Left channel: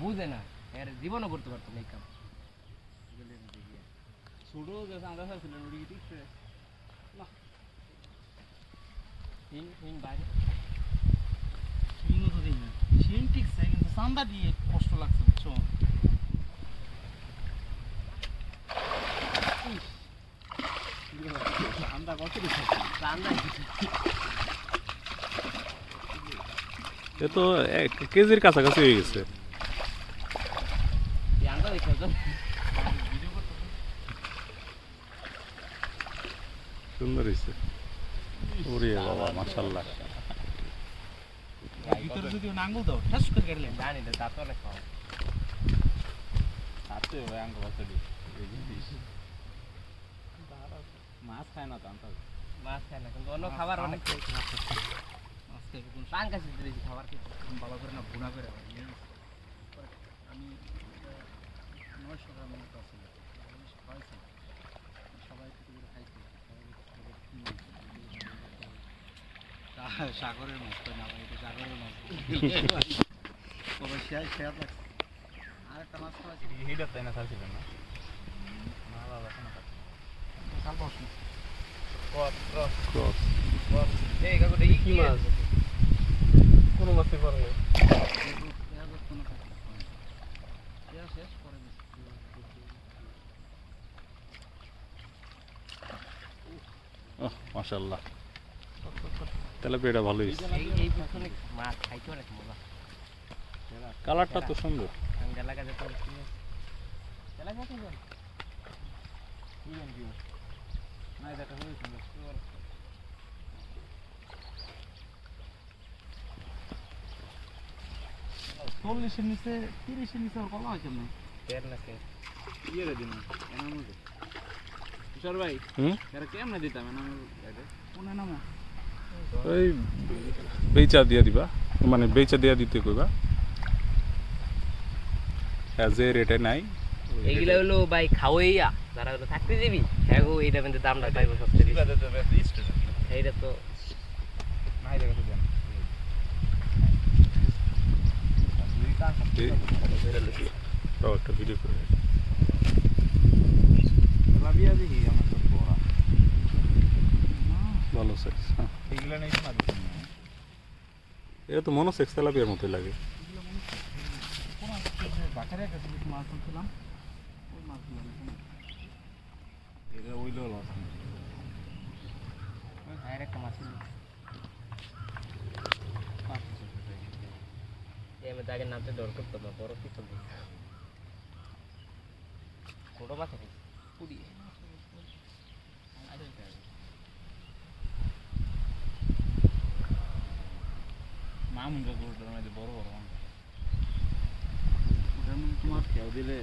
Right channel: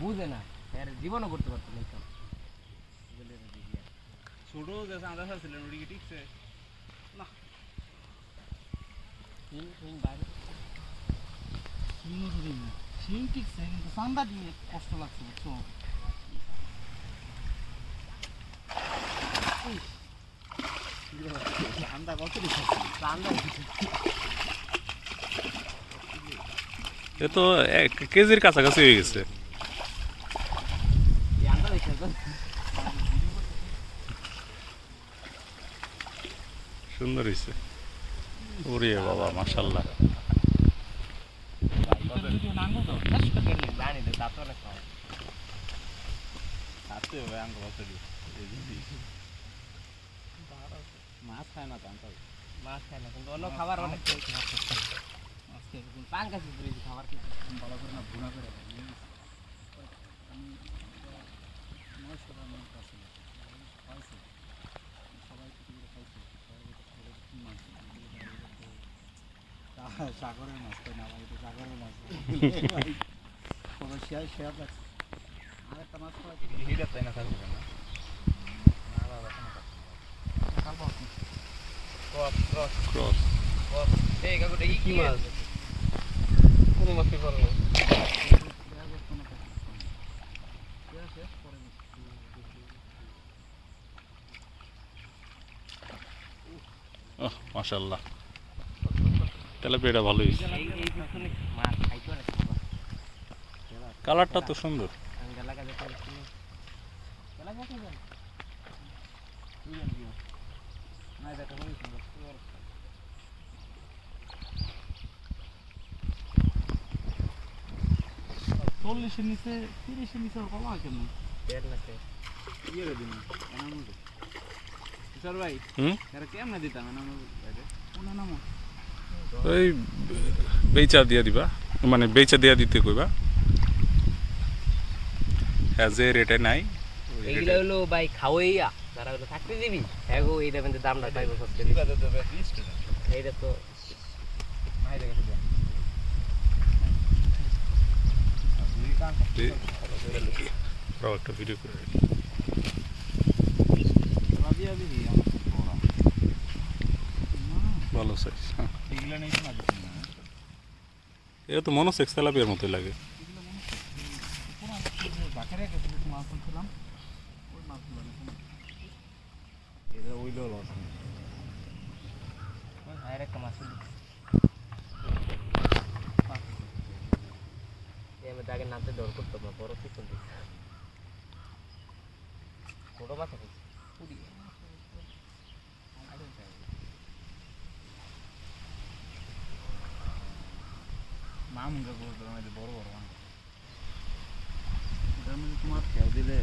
বুঝে না এর জীবনও করতে পারতো না এই কাজ ছোট যে চাঁদা ছিলেন ওটি কি ঠিকছে বাইরে শিংও তো দিই না শিং ঠিকছে কিন্তু চান্দা দিয়ে কষ্ট লাগছে বুঝছো চান্দা কত দিচ্ছে চান্দা এ তো 1 কেজির কাছাকাছি হয়ে গেছে সুন্দর হয়েছে ওরে বাবা মাশাআল্লাহ ভিতরে যদি নাঙ্গল দাও ঠাস করে গেলে জানি তো তা তো অনেক খাওয়া খাচ্ছে ভাই আঙ্গ বাচ্চা দিয়ে মাছ খায় না চান্দা মাছ খায় না কিন্তু অন্য খাবার অনেক আজকে পাঙ্কাশ বেশি খাবার খেতে ভালো করে না ভুনা করে আমি 900 গ্রাম মতো আছে খাইছি সবাই কিছু করে খাইছি সাগরের মাছ তো না ভাই এটা সাগরের মাছ সবাই শেয়ার লাগছে আর একটা মাছ খাওয়া হিডা তাই না খাচ্ছি না না বাবা কোনো কাল বাস ক্রস ক্রস এই কাকুটা কি মাছ কোনো মাছই পারো না শেষ করে ওহ মাশাআল্লাহ তেলাপিয়াটা ভালো হয়েছে এই পিছনে মাছ খাইতে অনেক মজা কালারটা তো সুন্দর আঙ্গালা কাজে তো চলা যাচ্ছে না না এটা খুবই সুন্দর 40 এর নিচে 30 এর নিচে ওর কলা হয় কেমন বের না তো ইয়ে রে দিন এনামু স্যার ভাই হুম এর কেমনে দিতাম এনামু কোন নাম ওই বেচা দিয়া দিবা মানে বেচা দিয়া দিতে কইবা হ্যাঁ যে রেটে নাই এইগুলা হলো ভাই খাওয়াইয়া যারা হলো থাকতে দিবি হ্যাঁ গো এইটা কিন্তু দামটা পাইবো সবচেয়ে বেশি এইটা তো নাই দেখে দেন দুই কাম একটা ভিডিও করে রাবিয়া দিই আমার বড় ভালো সাইজ হ্যাঁ এগুলা নেই না দিছেন না এটা তো মনোসেক্স তেলাপিয়ার মতোই লাগে বাকারে কাছে কিছু মাছ আনছিলাম ওই মাছগুলো এটা ওইলো লস আর একটা মাছ এই আমি তাকে নামতে ডর করতে না বড় কি চলছে ছোট মাছ আছে পুরি মামুঙ্গা গোড়ার মধ্যে বড় বড় মাছ এটার মধ্যে তোমার দিলে